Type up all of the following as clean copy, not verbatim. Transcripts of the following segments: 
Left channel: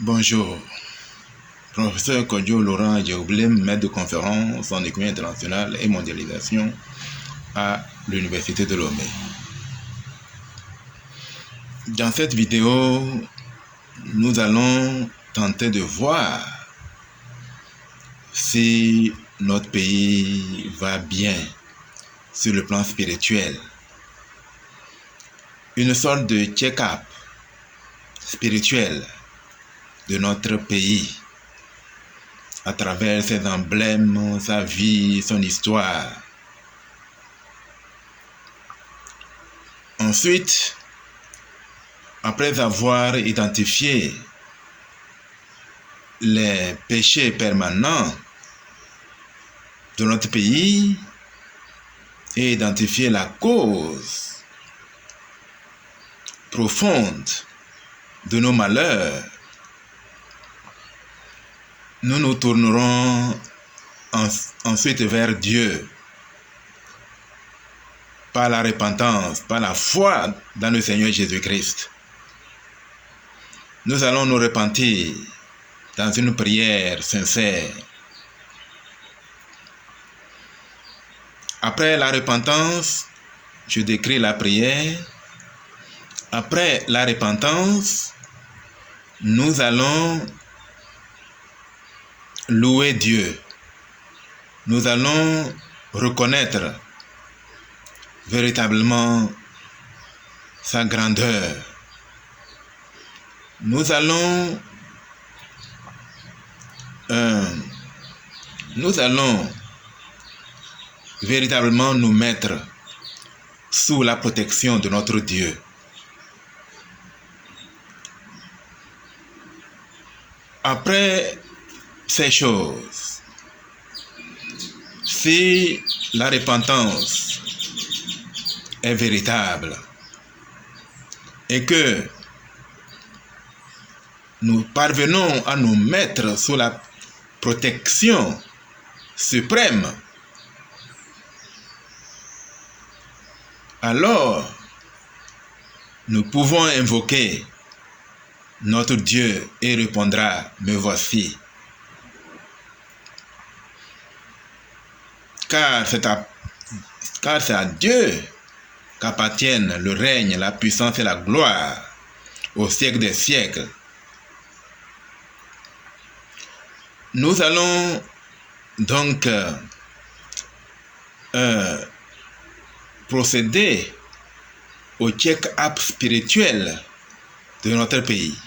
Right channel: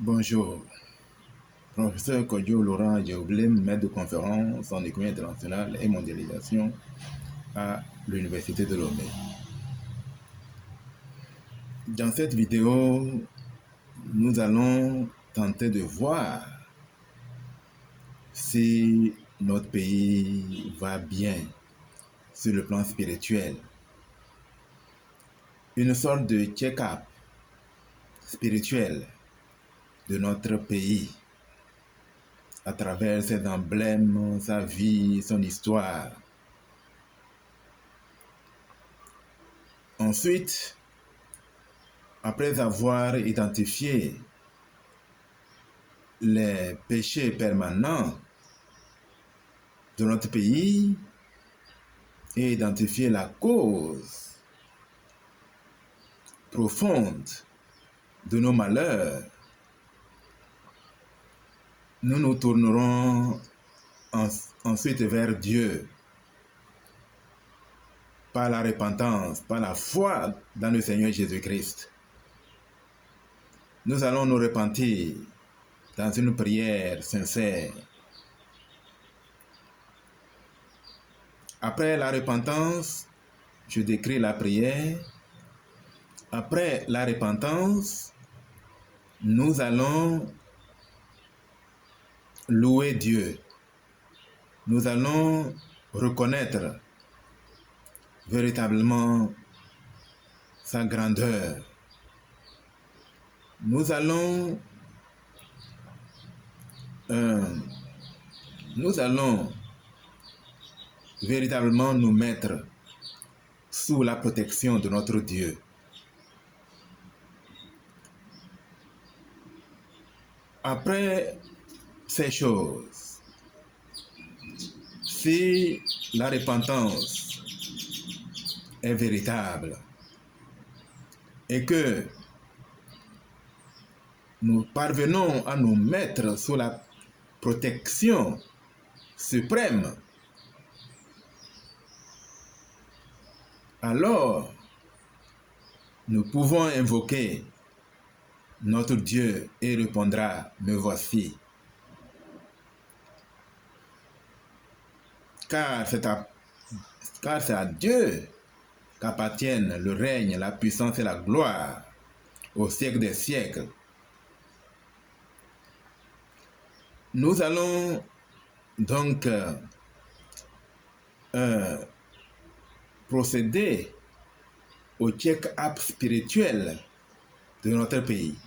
Bonjour, professeur Kodjo Laurent Djaoublem, maître de conférence en économie internationale et mondialisation à l'Université de Lomé. Dans cette vidéo, nous allons tenter de voir si notre pays va bien sur le plan spirituel. Une sorte de check-up spirituel de notre pays à travers ses emblèmes, sa vie, son histoire. Ensuite, après avoir identifié les péchés permanents de notre pays et identifié la cause profonde de nos malheurs, nous nous tournerons ensuite vers Dieu par la repentance, par la foi dans le Seigneur Jésus-Christ. Nous allons nous repentir dans une prière sincère. Après la repentance, je décris la prière. Après la repentance, nous allons louer Dieu. Nous allons reconnaître véritablement sa grandeur. Nous allons véritablement nous mettre sous la protection de notre Dieu. Après ces choses, si la repentance est véritable et que nous parvenons à nous mettre sous la protection suprême, alors nous pouvons invoquer notre Dieu et répondra, me voici. Car c'est à Dieu qu'appartiennent le règne, la puissance et la gloire au siècle des siècles. Nous allons donc procéder au check-up spirituel de notre pays,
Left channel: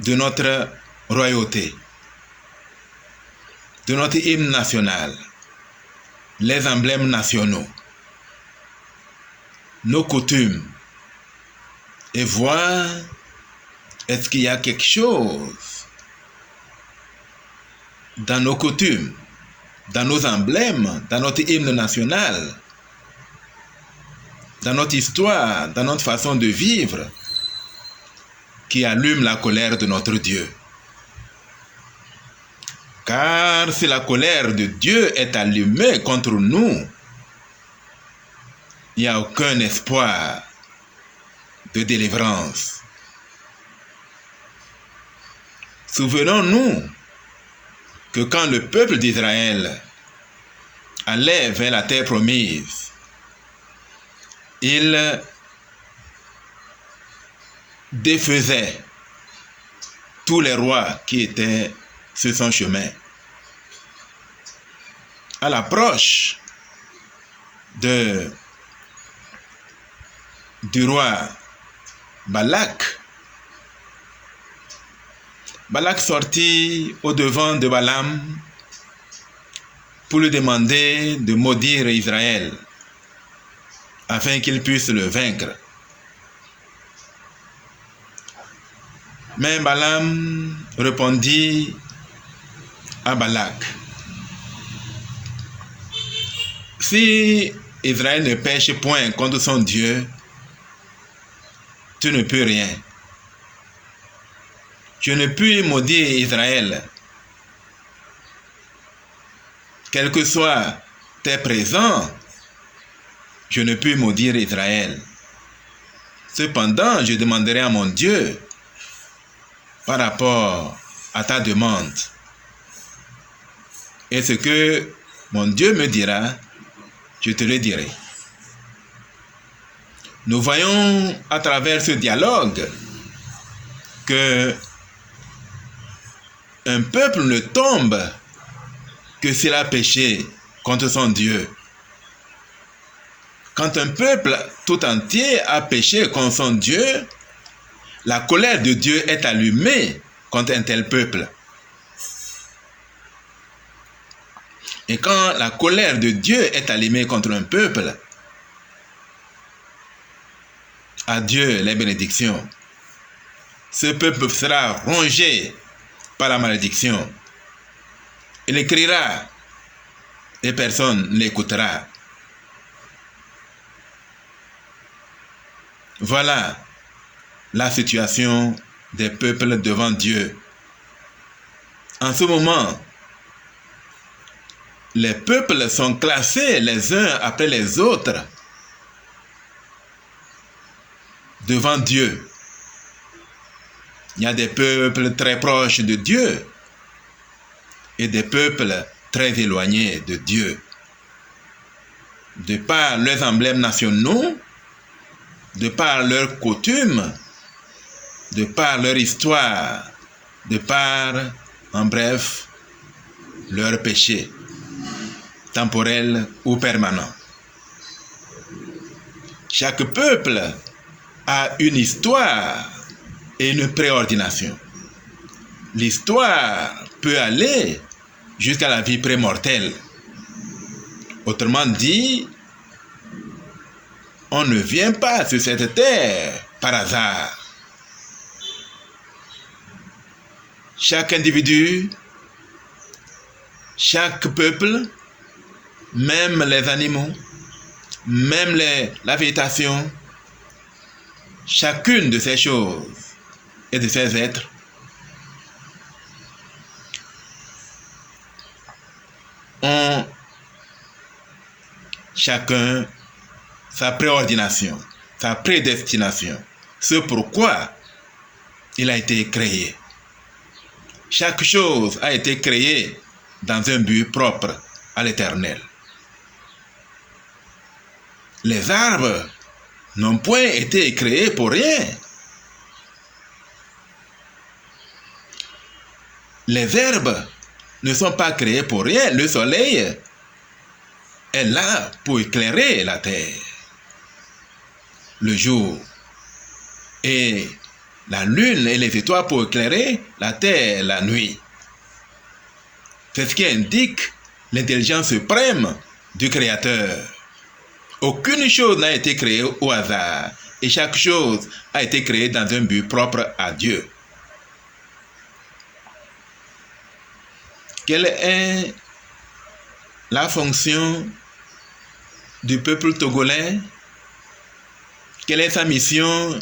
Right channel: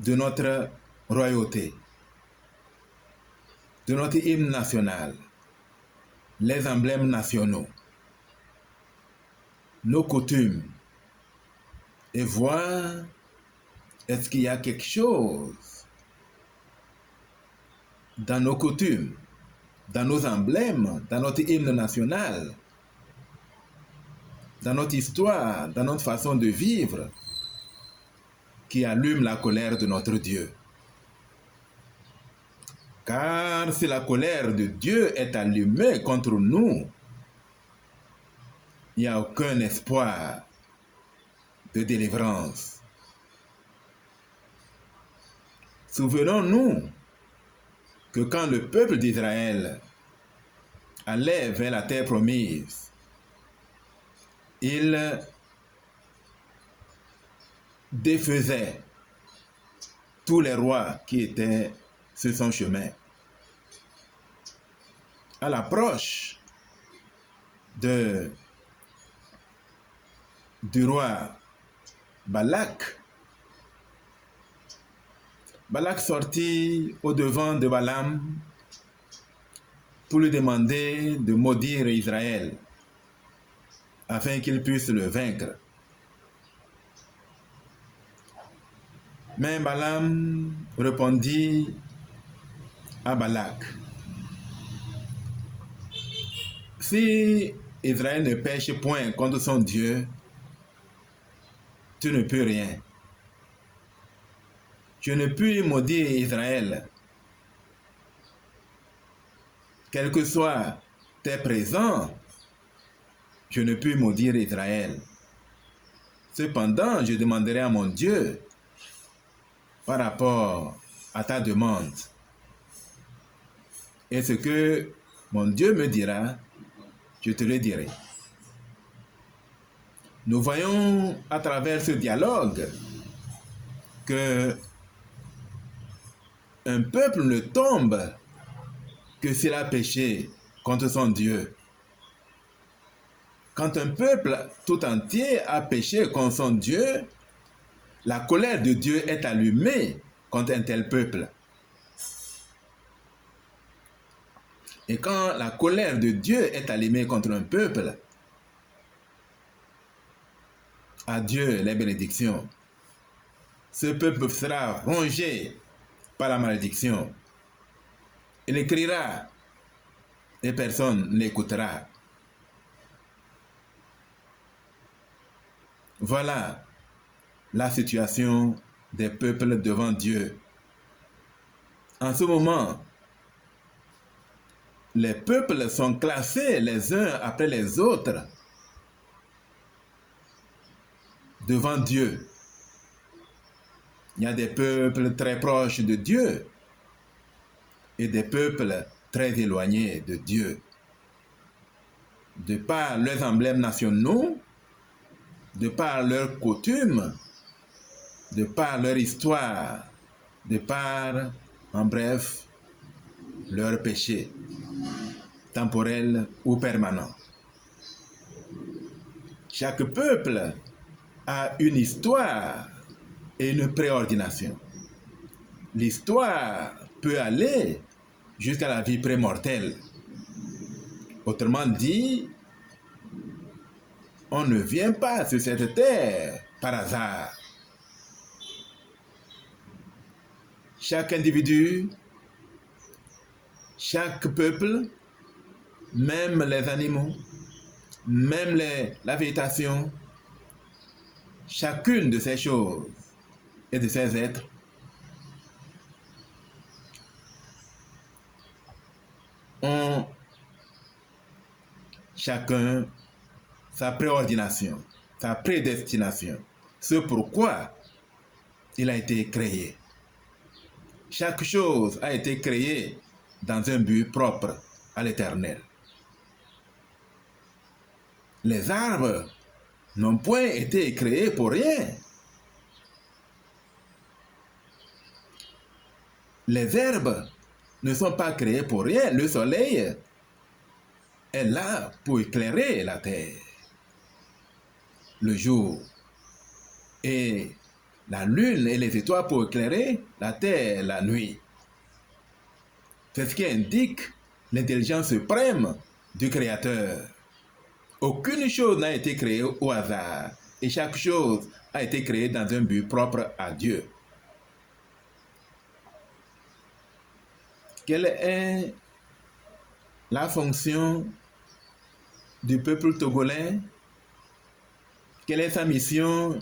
de notre royauté, de notre hymne national, les emblèmes nationaux, nos coutumes, et voir est-ce qu'il y a quelque chose dans nos coutumes, dans nos emblèmes, dans notre hymne national, dans notre histoire, dans notre façon de vivre, qui allume la colère de notre Dieu. Car si la colère de Dieu est allumée contre nous, il n'y a aucun espoir de délivrance. Souvenons-nous que quand le peuple d'Israël allait vers la terre promise, il défaisait tous les rois qui étaient sur son chemin. À l'approche du roi Balak sortit au devant de Balaam pour lui demander de maudire Israël afin qu'il puisse le vaincre. Mais Balaam répondit à Balak: si Israël ne pêche point contre son Dieu, tu ne peux rien. Je ne puis maudire Israël. Quels que soient tes présents, je ne puis maudire Israël. Cependant, je demanderai à mon Dieu par rapport à ta demande. Et ce que mon Dieu me dira, je te le dirai. Nous voyons à travers ce dialogue que un peuple ne tombe que s'il a péché contre son Dieu. Quand un peuple tout entier a péché contre son Dieu, la colère de Dieu est allumée contre un tel peuple. Et quand la colère de Dieu est allumée contre un peuple, à Dieu les bénédictions. Ce peuple sera rongé par la malédiction. Il criera et personne ne l'écoutera. Voilà la situation des peuples devant Dieu. En ce moment, les peuples sont classés les uns après les autres devant Dieu. Il y a des peuples très proches de Dieu et des peuples très éloignés de Dieu. De par leurs emblèmes nationaux, de par leurs coutumes, de par leur histoire, de par, en bref, leurs péchés, temporels ou permanents. Chaque peuple a une histoire et une préordination. L'histoire peut aller jusqu'à la vie prémortelle. Autrement dit, on ne vient pas sur cette terre par hasard. Chaque individu, chaque peuple, même les animaux, même la végétation, chacune de ces choses et de ces êtres ont chacun sa préordination, sa prédestination, ce pourquoi il a été créé. Chaque chose a été créée dans un but propre à l'Éternel. Les arbres n'ont point été créés pour rien. Les herbes ne sont pas créées pour rien. Le soleil est là pour éclairer la terre le jour, et la lune et les étoiles pour éclairer la terre la nuit. C'est ce qui indique l'intelligence suprême du Créateur. Aucune chose n'a été créée au hasard, et chaque chose a été créée dans un but propre à Dieu. Quelle est la fonction du peuple togolais? Quelle est sa mission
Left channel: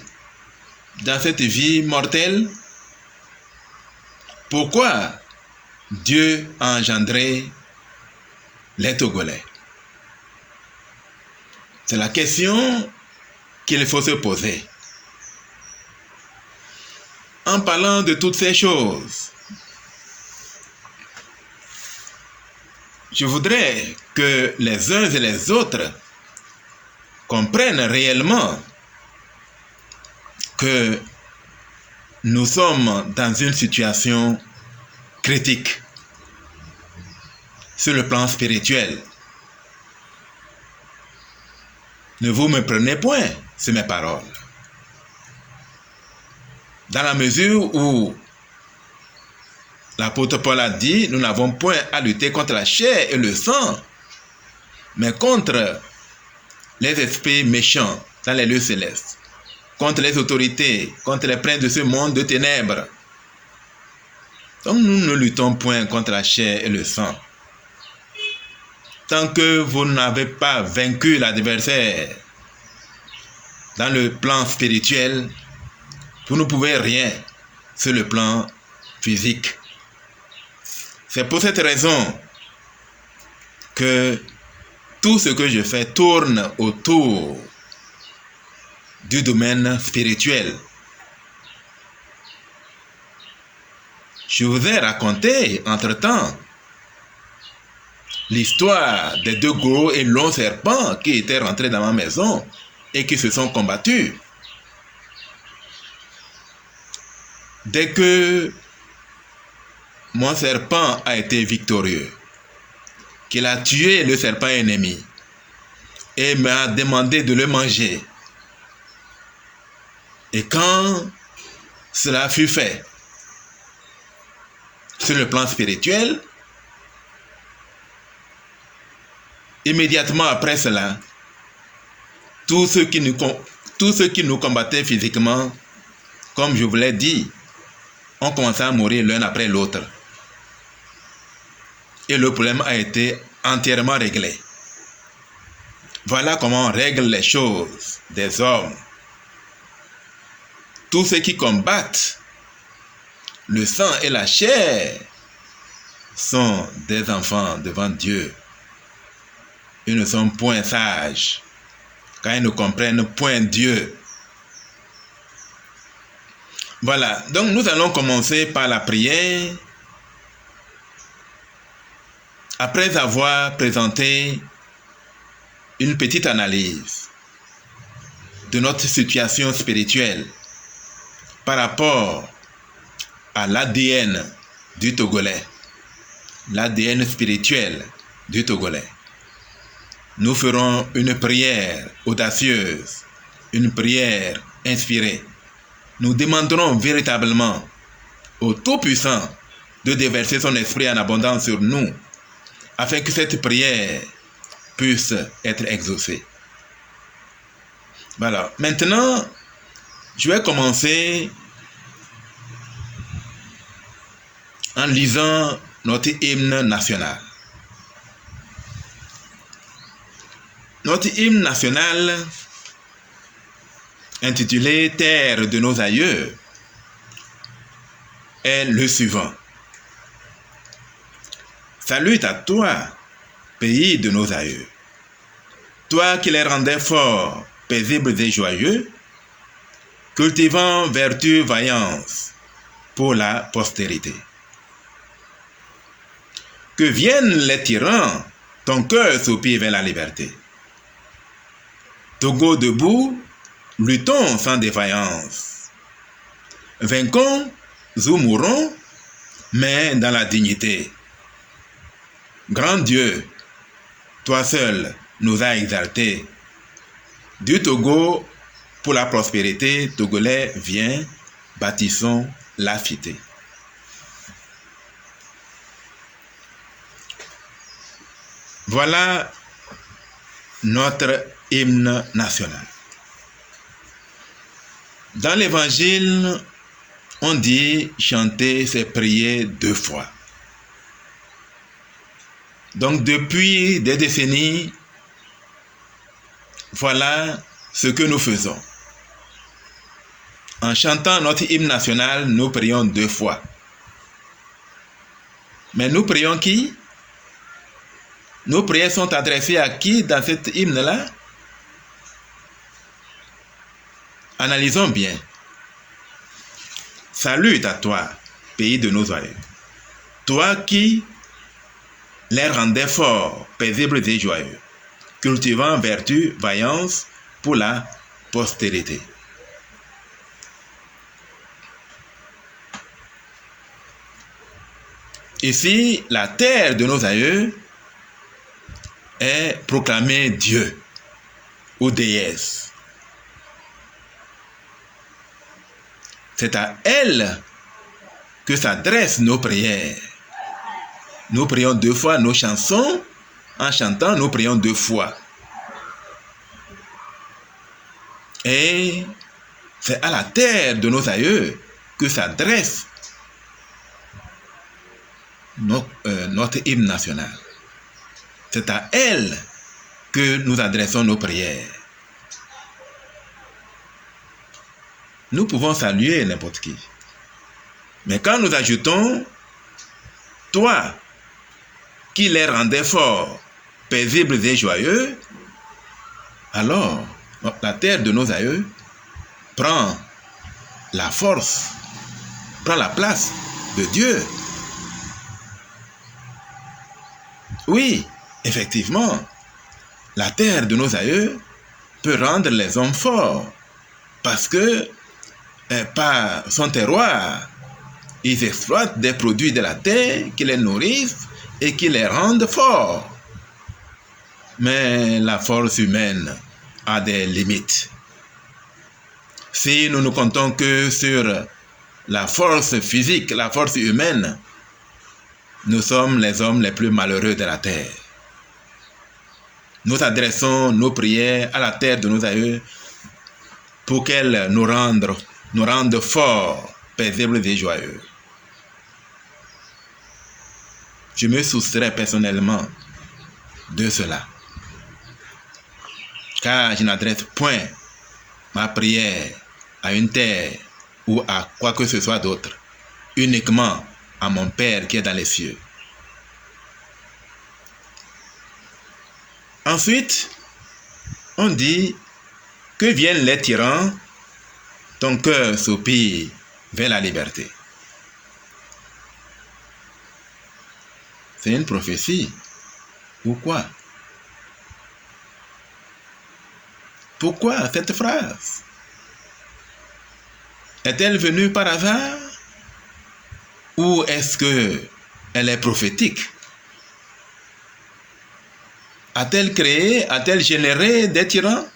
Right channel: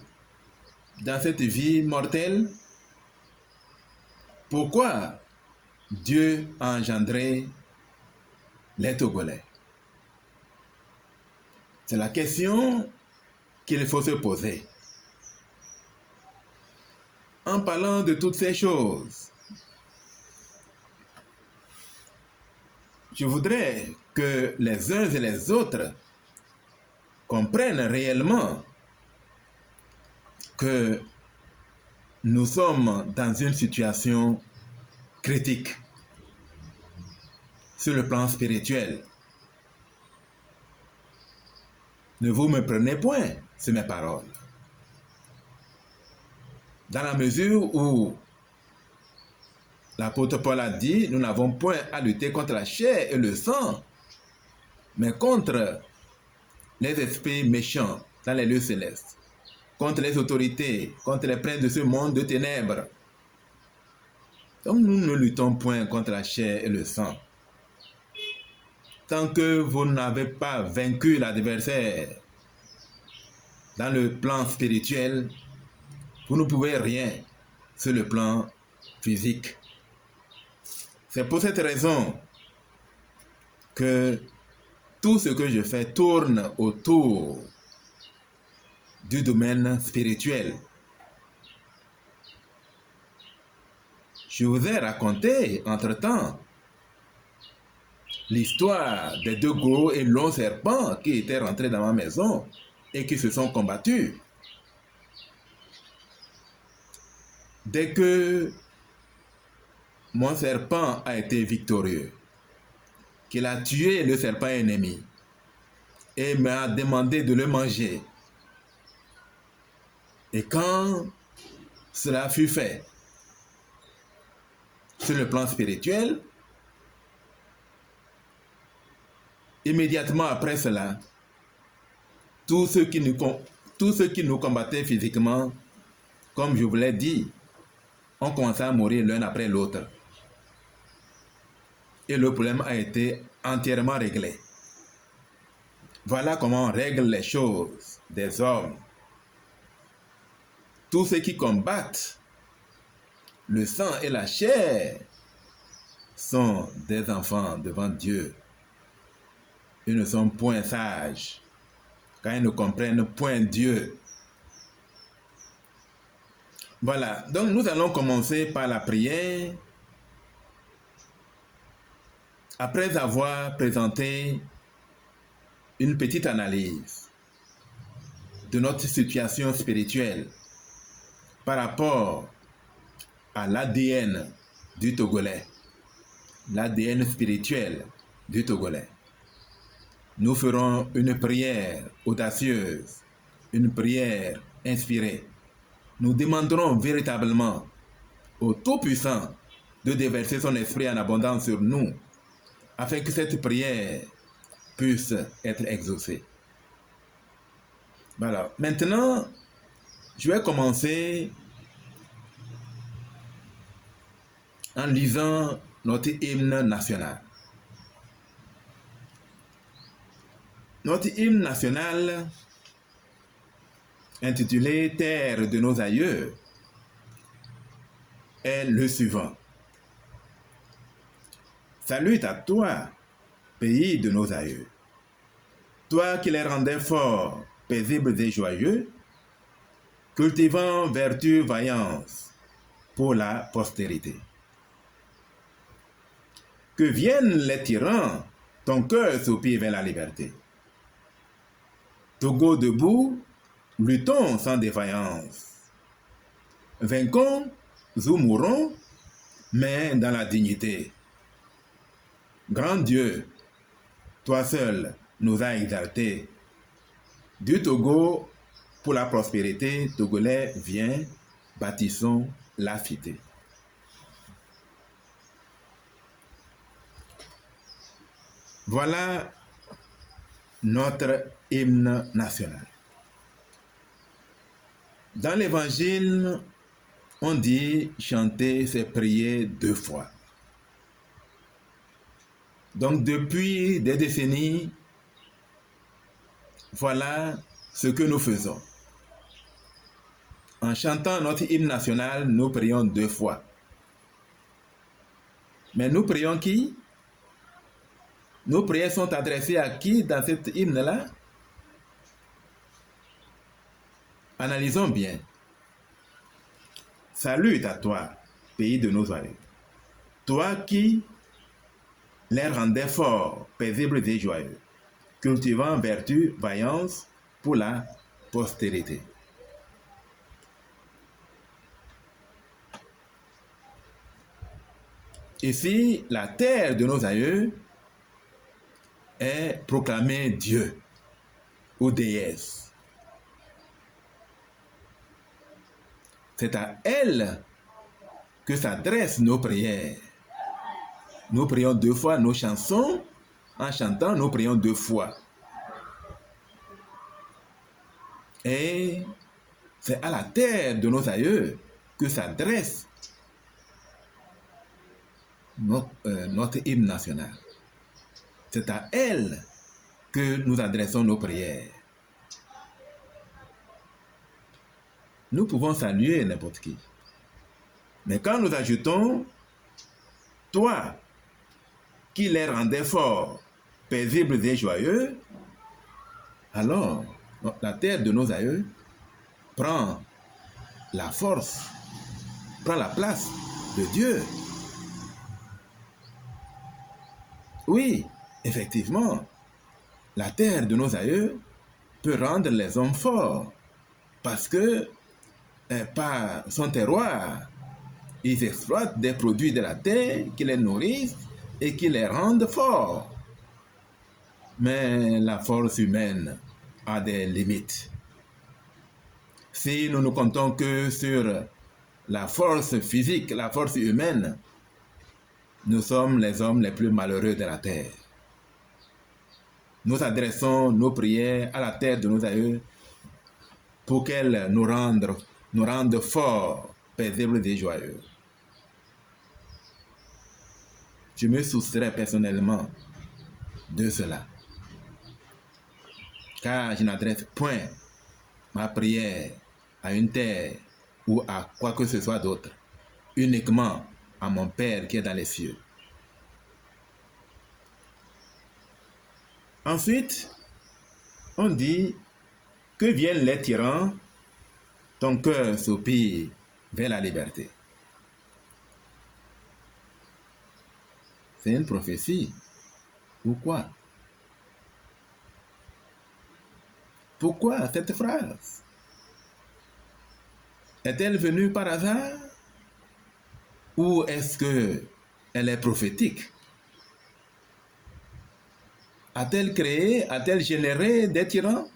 dans cette vie mortelle? Pourquoi Dieu a engendré les Togolais? C'est la question qu'il faut se poser. En parlant de toutes ces choses, je voudrais que les uns et les autres comprennent réellement que nous sommes dans une situation critique sur le plan spirituel. Ne vous méprenez point sur mes paroles. Dans la mesure où l'apôtre Paul a dit, nous n'avons point à lutter contre la chair et le sang, mais contre les esprits méchants dans les lieux célestes, contre les autorités, contre les princes de ce monde de ténèbres. Donc nous ne luttons point contre la chair et le sang. Tant que vous n'avez pas vaincu l'adversaire dans le plan spirituel, vous ne pouvez rien sur le plan physique. C'est pour cette raison que tout ce que je fais tourne autour du domaine spirituel. Je vous ai raconté, entre-temps, l'histoire des 2 gros et longs serpents qui étaient rentrés dans ma maison et qui se sont combattus. Dès que mon serpent a été victorieux, qu'il a tué le serpent ennemi et m'a demandé de le manger, et quand cela fut fait, sur le plan spirituel, immédiatement après cela, tous ceux qui nous combattaient physiquement, comme je vous l'ai dit, ont commencé à mourir l'un après l'autre. Et le problème a été entièrement réglé. Voilà comment on règle les choses des hommes. Tous ceux qui combattent le sang et la chair sont des enfants devant Dieu. Ils ne sont point sages, car ils ne comprennent point Dieu. Voilà, donc nous allons commencer par la prière. Après avoir présenté une petite analyse de notre situation spirituelle par rapport à l'ADN du Togolais, l'ADN spirituel du Togolais, nous ferons une prière audacieuse, une prière inspirée. Nous demanderons véritablement au Tout-Puissant de déverser son esprit en abondance sur nous, afin que cette prière puisse être exaucée. Voilà. Maintenant, je vais commencer en lisant notre hymne national. Notre hymne national, intitulé « Terre de nos aïeux », est le suivant. Salut à toi, pays de nos aïeux, toi qui les rendais forts, paisibles et joyeux, cultivant vertu, vaillance pour la postérité. Que viennent les tyrans, ton cœur soupire vers la liberté. Togo debout, luttons sans défaillance. Vainquons ou mourons, mais dans la dignité. Grand Dieu, toi seul nous as exaltés. Du Togo, pour la prospérité, Togolais, viens, bâtissons la cité. Voilà notre hymne national. Dans l'évangile, on dit chanter, c'est prier 2 fois. Donc depuis des décennies, voilà ce que nous faisons. En chantant notre hymne national, nous prions 2 fois. Mais nous prions qui? Nos prières sont adressées à qui dans cet hymne-là? Analysons bien. Salut à toi, pays de nos aïeux. Toi qui les rendais forts, paisibles et joyeux, cultivant vertu, vaillance pour la postérité. Ici, la terre de nos aïeux est proclamée Dieu ou déesse. C'est à elle que s'adressent nos prières. Nous prions 2 fois nos chansons. En chantant, nous prions 2 fois. Et c'est à la terre de nos aïeux que s'adresse notre hymne national. C'est à elle que nous adressons nos prières. Nous pouvons saluer n'importe qui. Mais quand nous ajoutons « Toi qui les rendais forts, paisibles et joyeux », alors la terre de nos aïeux prend la force, prend la place de Dieu. Oui, effectivement, la terre de nos aïeux peut rendre les hommes forts parce que par son terroir, ils exploitent des produits de la terre qui les nourrissent et qui les rendent forts. Mais la force humaine a des limites. Si nous ne comptons que sur la force physique, la force humaine, nous sommes les hommes les plus malheureux de la terre. Nous adressons nos prières à la terre de nos aïeux pour qu'elle nous rende forts, paisibles et joyeux. Je me soustrais personnellement de cela, car je n'adresse point ma prière à une terre ou à quoi que ce soit d'autre, uniquement à mon Père qui est dans les cieux. Ensuite, on dit que viennent les tyrans, ton cœur soupire vers la liberté. C'est une prophétie. Pourquoi? Pourquoi cette phrase? Est-elle venue par hasard? Ou est-ce qu'elle est prophétique? A-t-elle créé, a-t-elle généré des tyrans?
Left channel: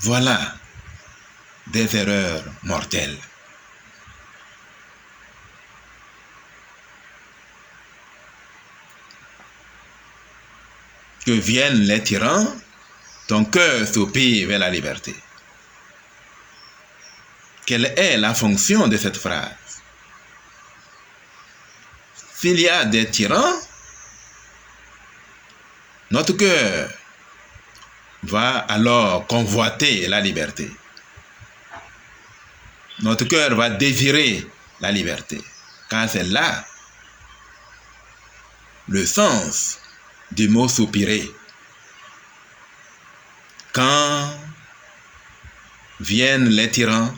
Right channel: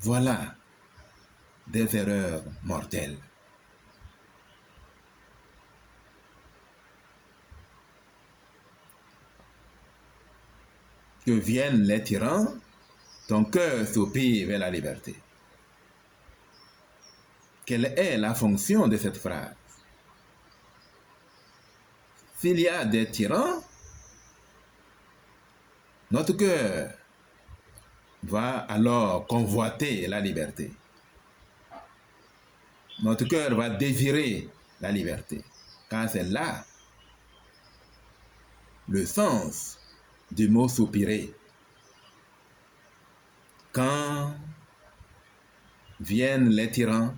Voilà des erreurs mortelles. Que viennent les tyrans, ton cœur soupire vers la liberté. Quelle est la fonction de cette phrase? S'il y a des tyrans, notre cœur va alors convoiter la liberté. Notre cœur va désirer la liberté, car c'est là le sens du mot soupirer. Quand viennent les tyrans,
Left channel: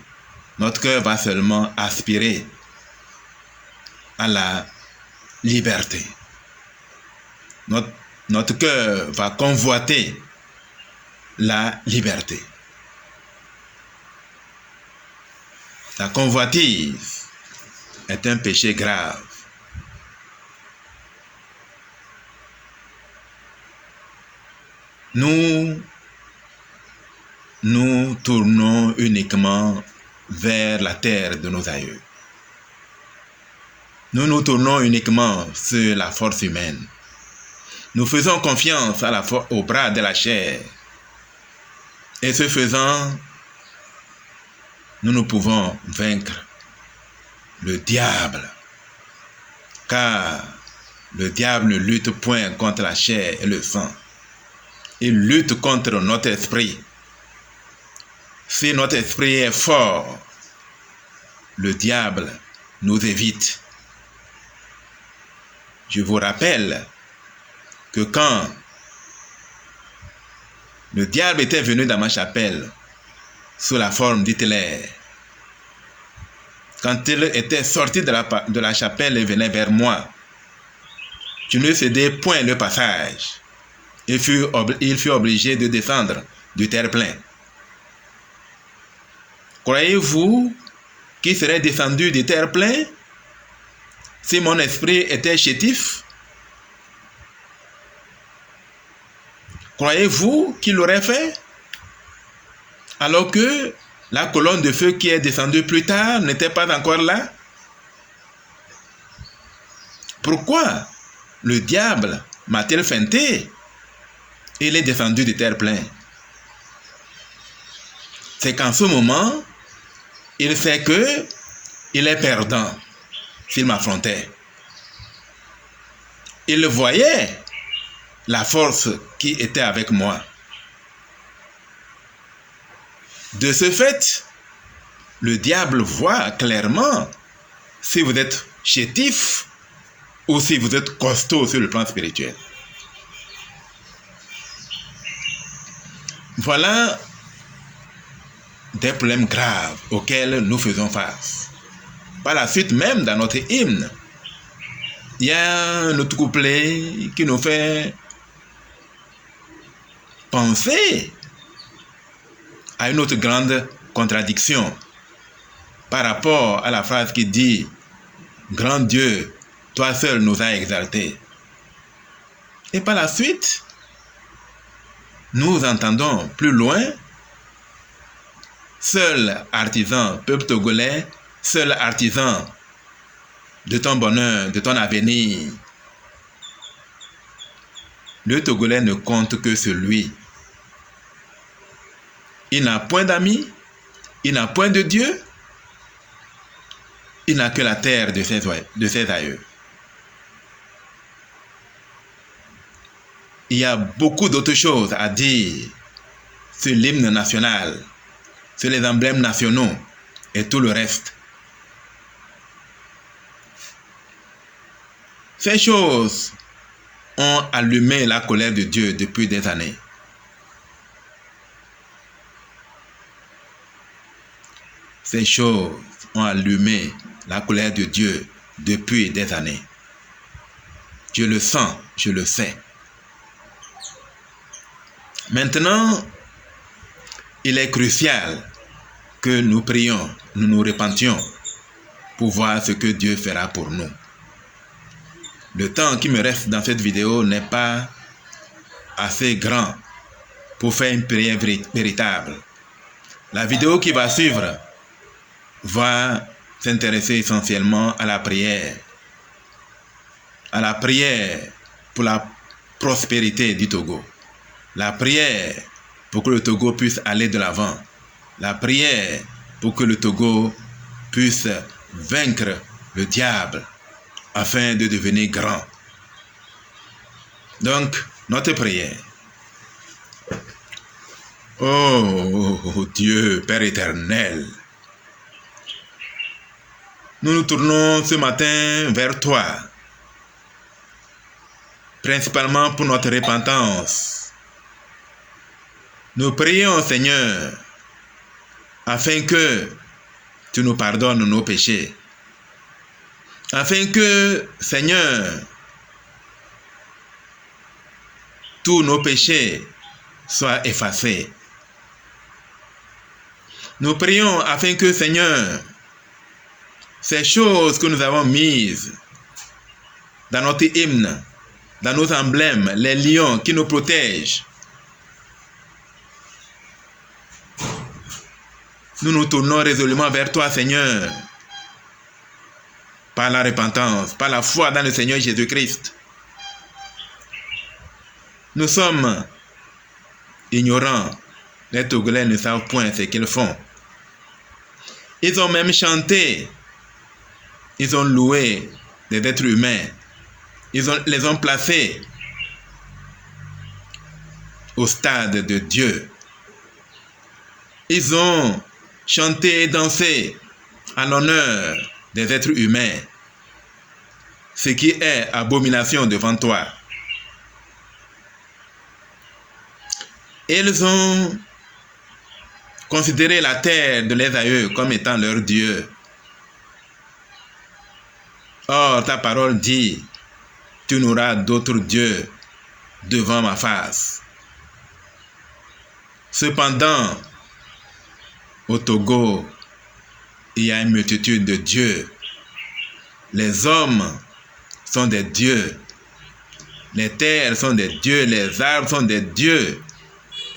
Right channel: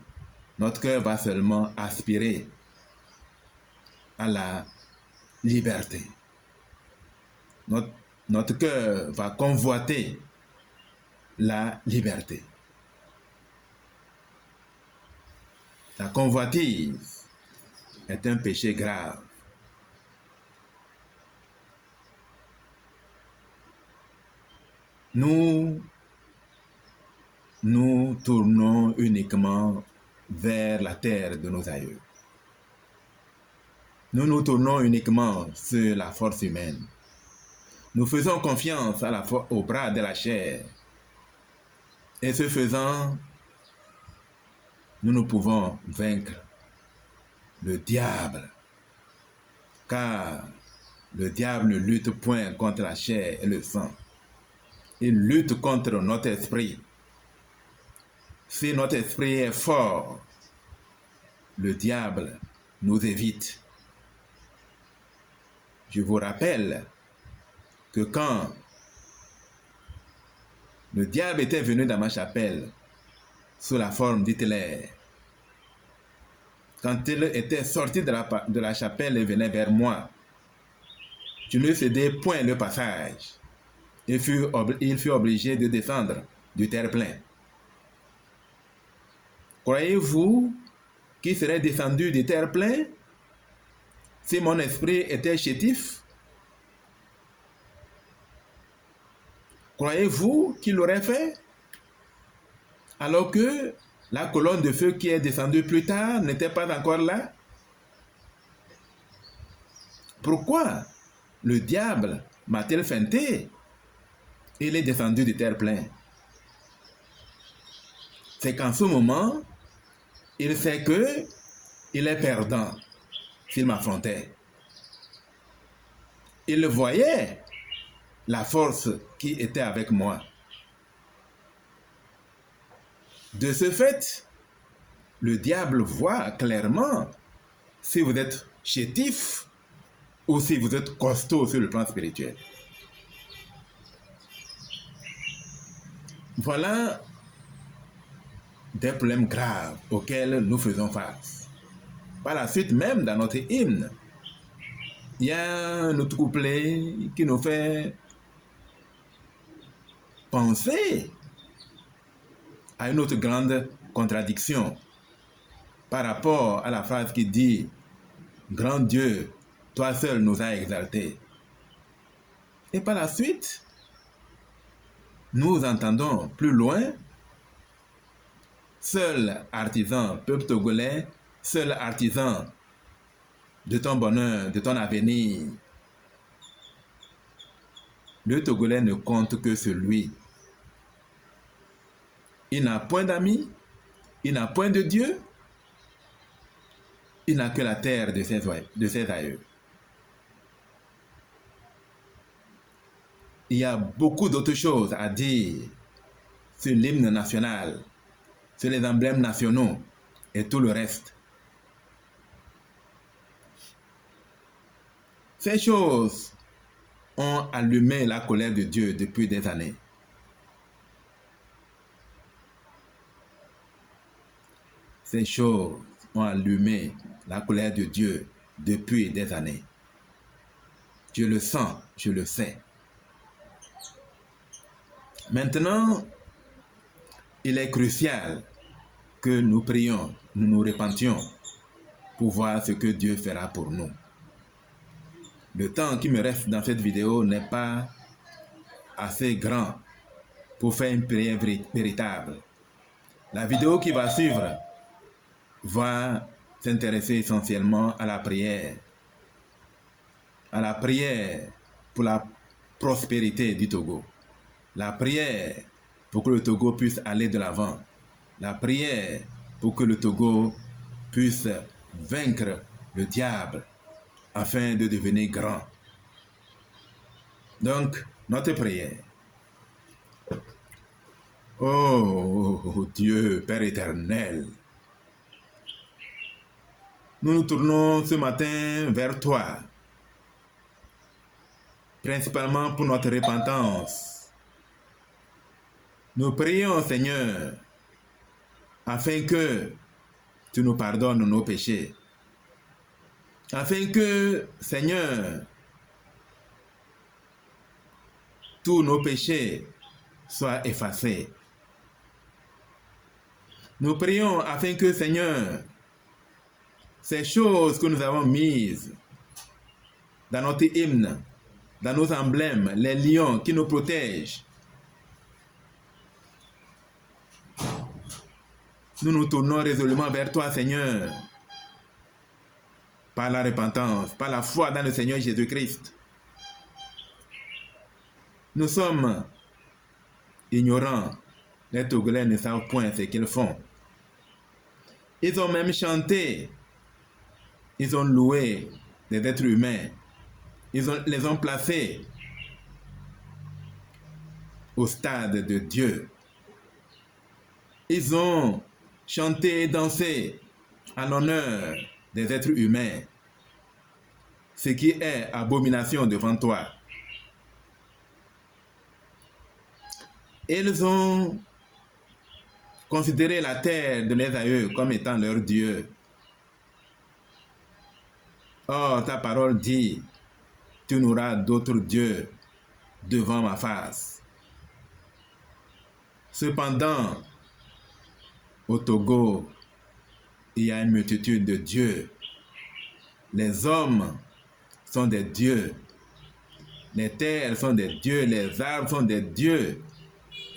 notre cœur va seulement aspirer à la liberté. Notre cœur va convoiter la liberté. La convoitise est un péché grave. Nous tournons uniquement vers la terre de nos aïeux. Nous nous tournons uniquement sur la force humaine. Nous faisons confiance au bras de la chair. Et ce faisant, nous ne pouvons vaincre le diable. Car le diable ne lutte point contre la chair et le sang. Il lutte contre notre esprit. Si notre esprit est fort, le diable nous évite. Je vous rappelle que quand le diable était venu dans ma chapelle sous la forme d'Hitler, quand il était sorti de la chapelle et venait vers moi, je ne cédais point le passage. Il fut obligé de descendre du terre-plein. Croyez-vous qu'il serait descendu du terre-plein si mon esprit était chétif? Croyez-vous qu'il l'aurait fait? Alors que la colonne de feu qui est descendue plus tard n'était pas encore là? Pourquoi le diable m'a-t-il feinté? Il est descendu du terre-plein. C'est qu'en ce moment, il sait qu'il est perdant s'il m'affrontait. Il voyait la force qui était avec moi. De ce fait, le diable voit clairement si vous êtes chétif ou si vous êtes costaud sur le plan spirituel. Voilà des problèmes graves auxquels nous faisons face. Par la suite, même dans notre hymne, il y a un autre couplet qui nous fait penser à une autre grande contradiction par rapport à la phrase qui dit « Grand Dieu, toi seul nous as exaltés ». Et par la suite, nous entendons plus loin « Seul artisan, peuple togolais, seul artisan de ton bonheur, de ton avenir. Le Togolais ne compte que sur lui. Il n'a point d'amis, il n'a point de Dieu, il n'a que la terre de ses aïeux. Il y a beaucoup d'autres choses à dire sur l'hymne national, sur les emblèmes nationaux et tout le reste. Ces choses ont allumé la colère de Dieu depuis des années. Ces choses ont allumé la colère de Dieu depuis des années. Je le sens, je le sais. Maintenant, il est crucial que nous prions, nous nous repentions pour voir ce que Dieu fera pour nous. Le temps qui me reste dans cette vidéo n'est pas assez grand pour faire une prière véritable. La vidéo qui va suivre va s'intéresser essentiellement à la prière pour la prospérité du Togo, la prière pour que le Togo puisse aller de l'avant, la prière pour que le Togo puisse vaincre le diable afin de devenir grand. Donc, notre prière. Oh Dieu, Père éternel, nous nous tournons ce matin vers toi, principalement pour notre repentance. Nous prions, Seigneur, afin que tu nous pardonnes nos péchés, afin que, Seigneur, tous nos péchés soient effacés. Nous prions afin que, Seigneur, ces choses que nous avons mises dans notre hymne, dans nos emblèmes, les lions qui nous protègent, nous nous tournons résolument vers toi, Seigneur, par la repentance, par la foi dans le Seigneur Jésus-Christ. Nous sommes ignorants. Les Togolais ne savent point ce qu'ils font. Ils ont même chanté. Ils ont loué des êtres humains. Les ont placés au stade de Dieu. Ils ont chanté et dansé en l'honneur des êtres humains, ce qui est abomination devant toi. Ils ont considéré la terre de leurs aïeux comme étant leur Dieu. Or, ta parole dit, tu n'auras d'autre Dieu devant ma face. Cependant, au Togo, il y a une multitude de dieux. Les hommes sont des dieux. Les terres sont des dieux. Les arbres sont des dieux.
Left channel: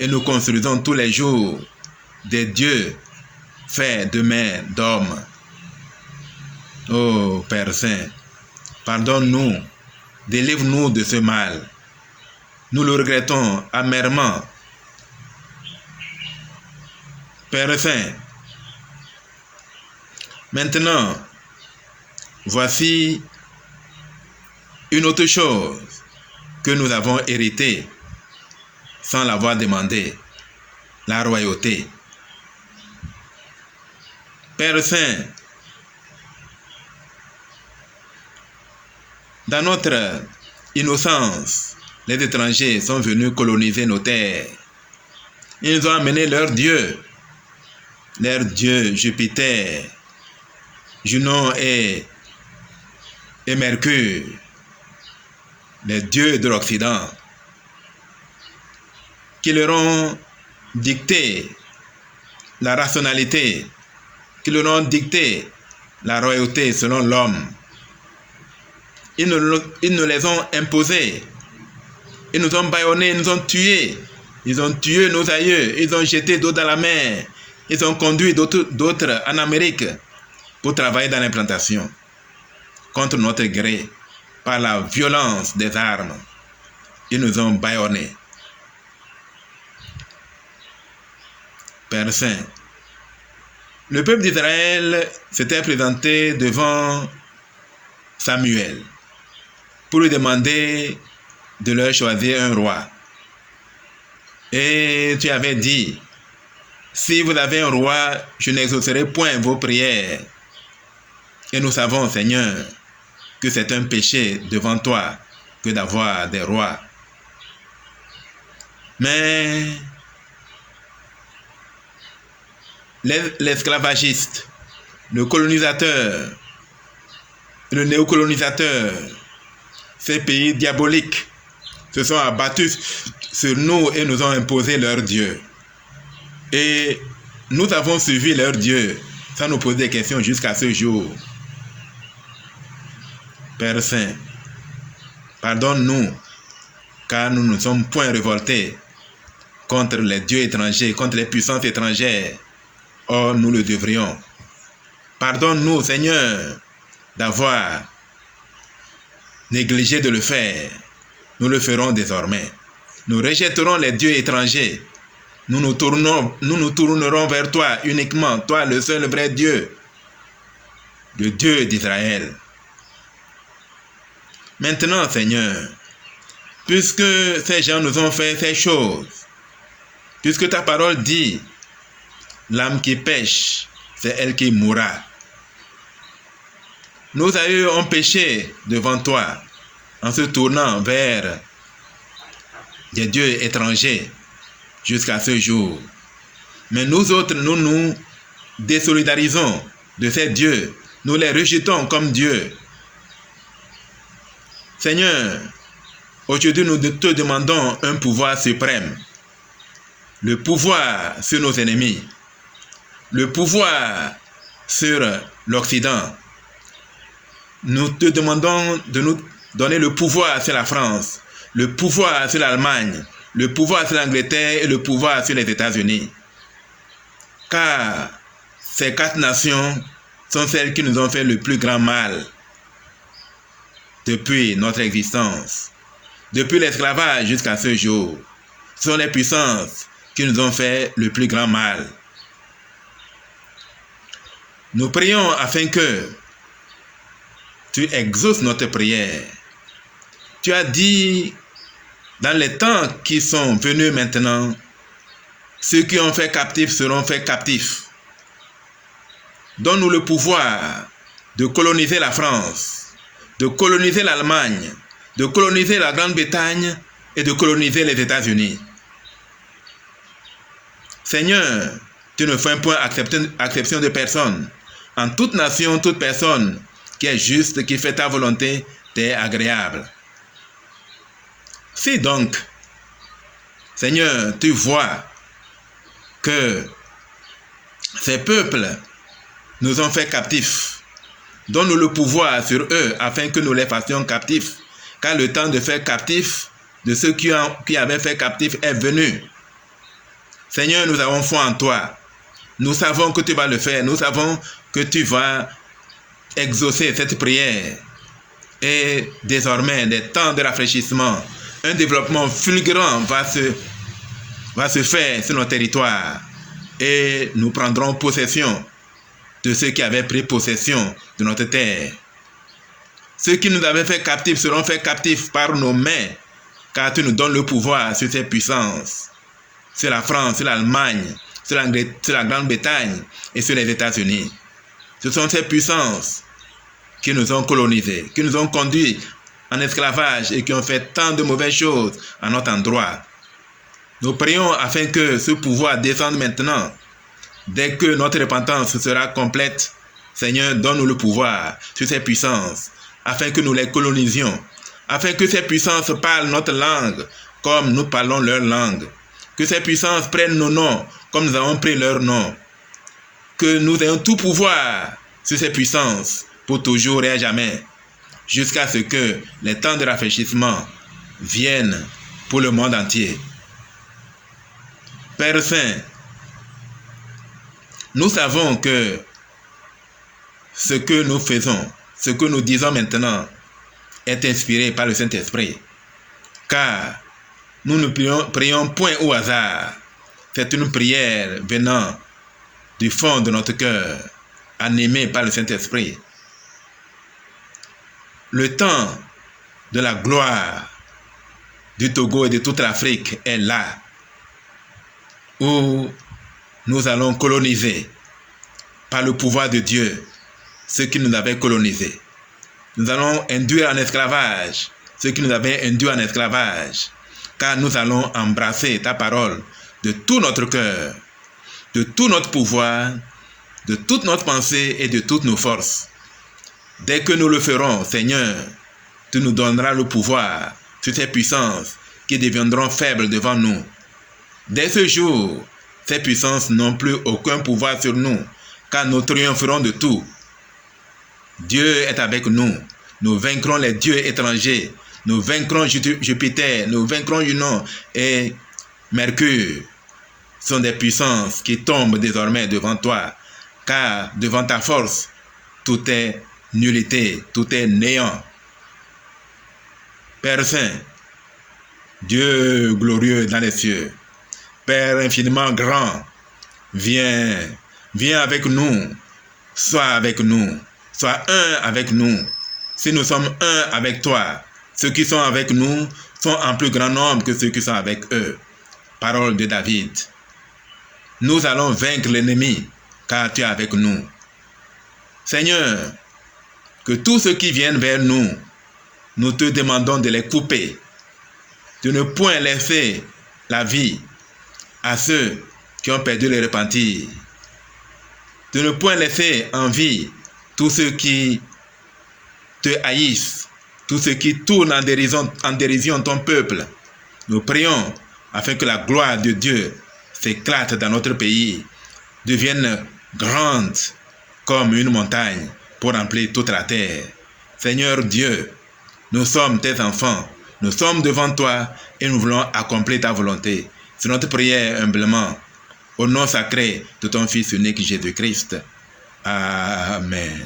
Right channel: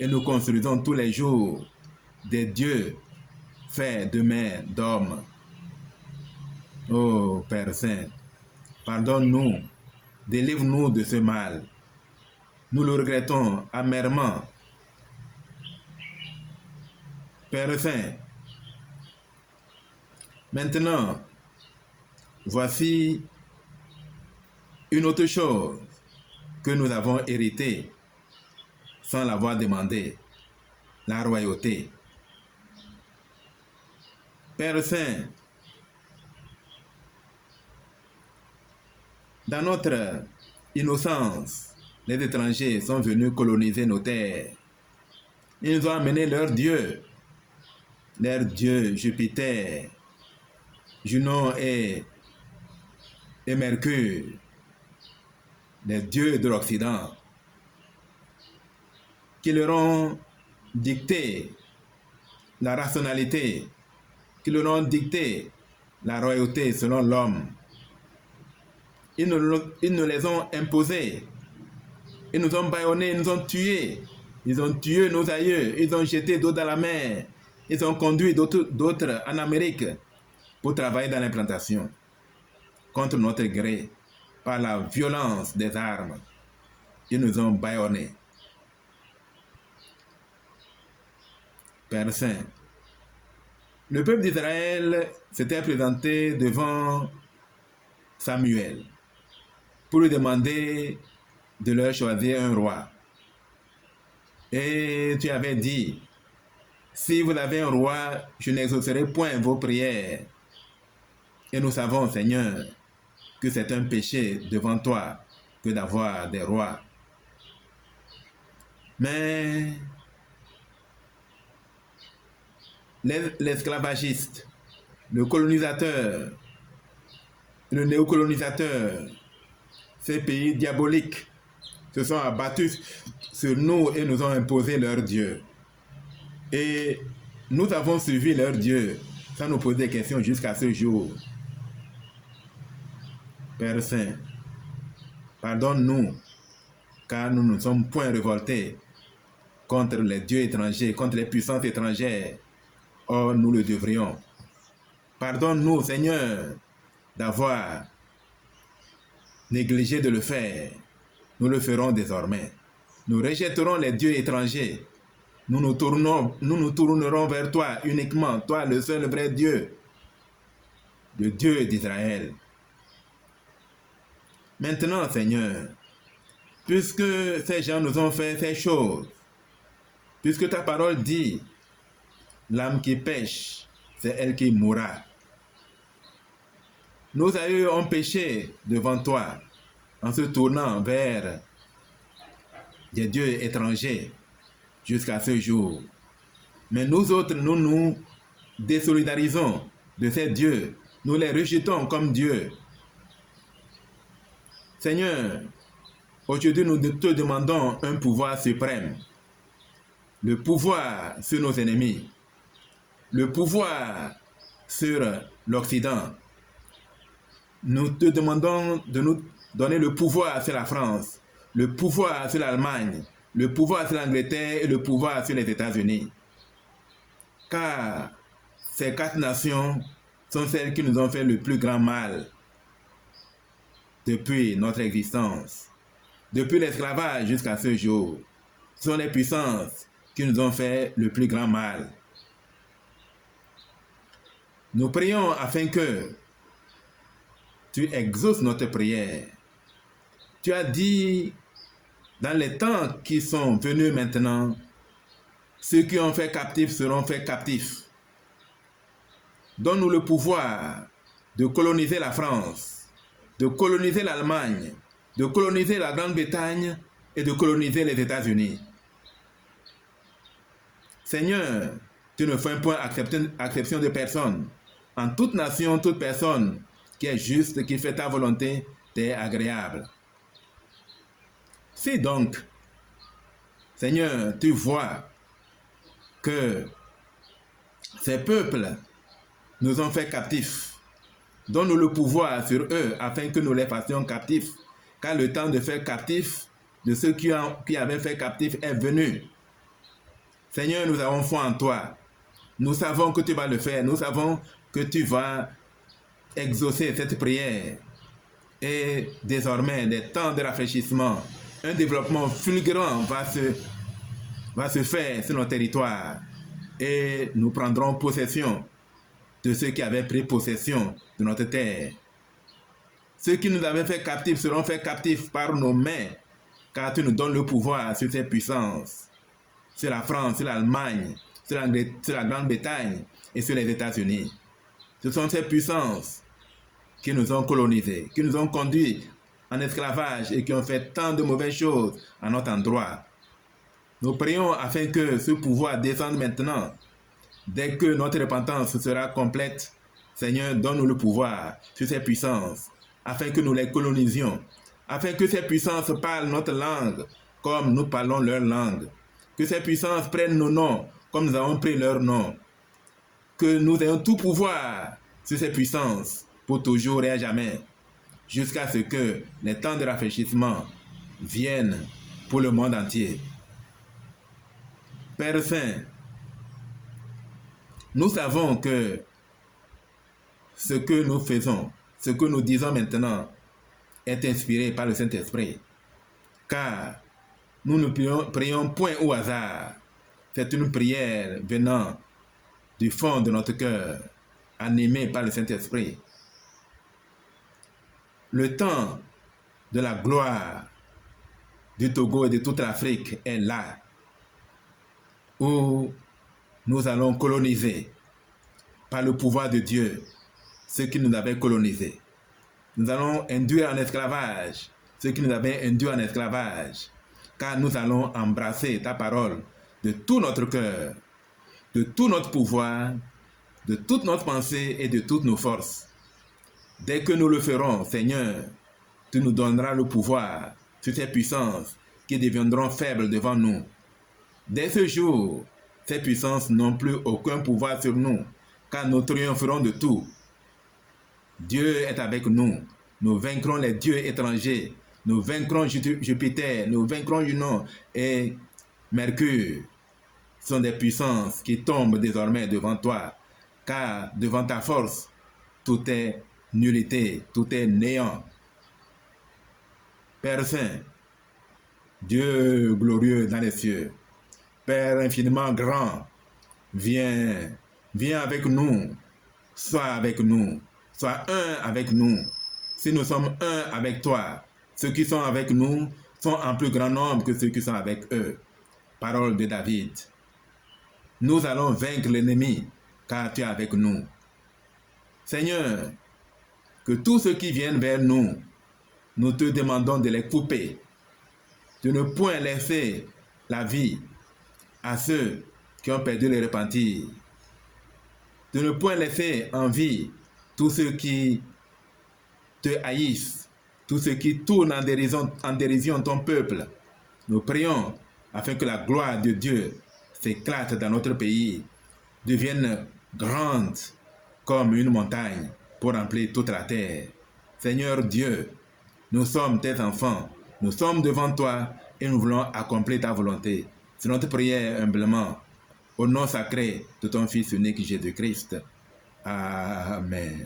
Et nous construisons tous les jours des dieux faits de mains d'hommes. Oh Père Saint, pardonne-nous, délivre-nous de ce mal. Nous le regrettons amèrement. Père Saint, maintenant, voici une autre chose que nous avons héritée sans l'avoir demandé, la royauté. Père Saint, dans notre innocence, les étrangers sont venus coloniser nos terres. Ils ont amené leurs dieux. leurs dieux Jupiter, Junon et Mercure, les dieux de l'Occident, qui leur ont dicté la rationalité, qui leur ont dicté la royauté selon l'homme. Ils nous les ont imposés. Ils nous ont bâillonnés, ils nous ont tués. Ils ont tué nos aïeux, ils ont jeté d'eau dans la mer. Ils ont conduit d'autres en Amérique pour travailler dans l'implantation contre notre gré, par la violence des armes. Ils nous ont bâillonnés. Père Saint, le peuple d'Israël s'était présenté devant Samuel pour lui demander de leur choisir un roi. Et tu avais dit, si vous avez un roi, je n'exaucerai point vos prières. Et nous savons, Seigneur, que c'est un péché devant toi que d'avoir des rois. Mais l'esclavagiste, le colonisateur, le néocolonisateur, ces pays diaboliques se sont abattus sur nous et nous ont imposé leur Dieu. Et nous avons suivi leur Dieu sans nous poser des questions jusqu'à ce jour. Père Saint, pardonne-nous, car nous ne sommes point révoltés contre les dieux étrangers, contre les puissances étrangères. Or, nous le devrions. Pardonne-nous, Seigneur, d'avoir négligé de le faire. Nous le ferons désormais. Nous rejetterons les dieux étrangers. Nous nous tournerons vers toi uniquement, toi le seul vrai Dieu, le Dieu d'Israël. Maintenant, Seigneur, puisque ces gens nous ont fait ces choses, puisque ta parole dit, l'âme qui pêche, c'est elle qui mourra. Nos aïeux ont péché devant toi en se tournant vers des dieux étrangers jusqu'à ce jour. Mais nous autres, nous nous désolidarisons de ces dieux. Nous les rejetons comme Dieu. Seigneur, aujourd'hui nous te demandons un pouvoir suprême. Le pouvoir sur nos ennemis. Le pouvoir sur l'Occident. Nous te demandons de nous donner le pouvoir sur la France, le pouvoir sur l'Allemagne, le pouvoir sur l'Angleterre et le pouvoir sur les États-Unis. Car ces 4 nations sont celles qui nous ont fait le plus grand mal depuis notre existence, depuis l'esclavage jusqu'à ce jour. Ce sont les puissances qui nous ont fait le plus grand mal. Nous prions afin que tu exauces notre prière. Tu as dit, dans les temps qui sont venus maintenant, ceux qui ont fait captifs seront faits captifs. Donne-nous le pouvoir de coloniser la France, de coloniser l'Allemagne, de coloniser la Grande-Bretagne et de coloniser les États-Unis. Seigneur, tu ne fais point acception de personne. En toute nation, toute personne qui est juste, qui fait ta volonté, t'est agréable. Si donc, Seigneur, tu vois que ces peuples nous ont fait captifs, donne-nous le pouvoir sur eux afin que nous les fassions captifs, car le temps de faire captifs de ceux qui avaient fait captifs est venu. Seigneur, nous avons foi en toi. Nous savons que tu vas le faire. Nous savons que tu vas exaucer cette prière. Et désormais, des temps de rafraîchissement, un développement fulgurant va se faire sur nos territoires. Et nous prendrons possession de ceux qui avaient pris possession de notre terre. Ceux qui nous avaient fait captifs seront faits captifs par nos mains, car tu nous donnes le pouvoir sur ces puissances, sur la France, sur l'Allemagne, sur la Grande-Bretagne et sur les États-Unis. Ce sont ces puissances qui nous ont colonisés, qui nous ont conduits en esclavage et qui ont fait tant de mauvaises choses à notre endroit. Nous prions afin que ce pouvoir descende maintenant Dès que notre repentance sera complète, Seigneur, donne-nous le pouvoir sur ces puissances, afin que nous les colonisions, afin que ces puissances parlent notre langue comme nous parlons leur langue, que ces puissances prennent nos noms comme nous avons pris leur nom, que nous ayons tout pouvoir sur ces puissances pour toujours et à jamais, jusqu'à ce que les temps de rafraîchissement viennent pour le monde entier. Père Saint, nous savons que ce que nous faisons, ce que nous disons maintenant, est inspiré par le Saint-Esprit, car nous ne prions point au hasard. C'est une prière venant du fond de notre cœur, animée par le Saint-Esprit. Le temps de la gloire du Togo et de toute l'Afrique est là, où nous allons coloniser par le pouvoir de Dieu ceux qui nous avaient colonisés. Nous allons induire en esclavage ceux qui nous avaient induits en esclavage, car nous allons embrasser ta parole de tout notre cœur, de tout notre pouvoir, de toute notre pensée et de toutes nos forces. Dès que nous le ferons, Seigneur, tu nous donneras le pouvoir sur ces puissances qui deviendront faibles devant nous. Dès ce jour, ces puissances n'ont plus aucun pouvoir sur nous, car nous triompherons de tout. Dieu est avec nous. Nous vaincrons les dieux étrangers. Nous vaincrons Jupiter, nous vaincrons Junon et Mercure. Ce sont des puissances qui tombent désormais devant toi, car devant ta force, tout est nullité, tout est néant. Père Saint, Dieu glorieux dans les cieux, Père infiniment grand, viens avec nous, sois avec nous, sois un avec nous. Si nous sommes un avec toi, ceux qui sont avec nous sont en plus grand nombre que ceux qui sont avec eux. Parole de David. Nous allons vaincre l'ennemi, car tu es avec nous. Seigneur, que tous ceux qui viennent vers nous, nous te demandons de les couper, de ne point laisser la vie à ceux qui ont perdu le repentir, de ne point laisser en vie tous ceux qui te haïssent, tous ceux qui tournent en dérision ton peuple. Nous prions afin que la gloire de Dieu s'éclate dans notre pays, devienne grande comme une montagne pour remplir toute la terre. Seigneur Dieu, nous sommes tes enfants, nous sommes devant toi et nous voulons accomplir ta volonté. C'est notre prière humblement, au nom sacré de ton Fils unique Jésus-Christ. Amen.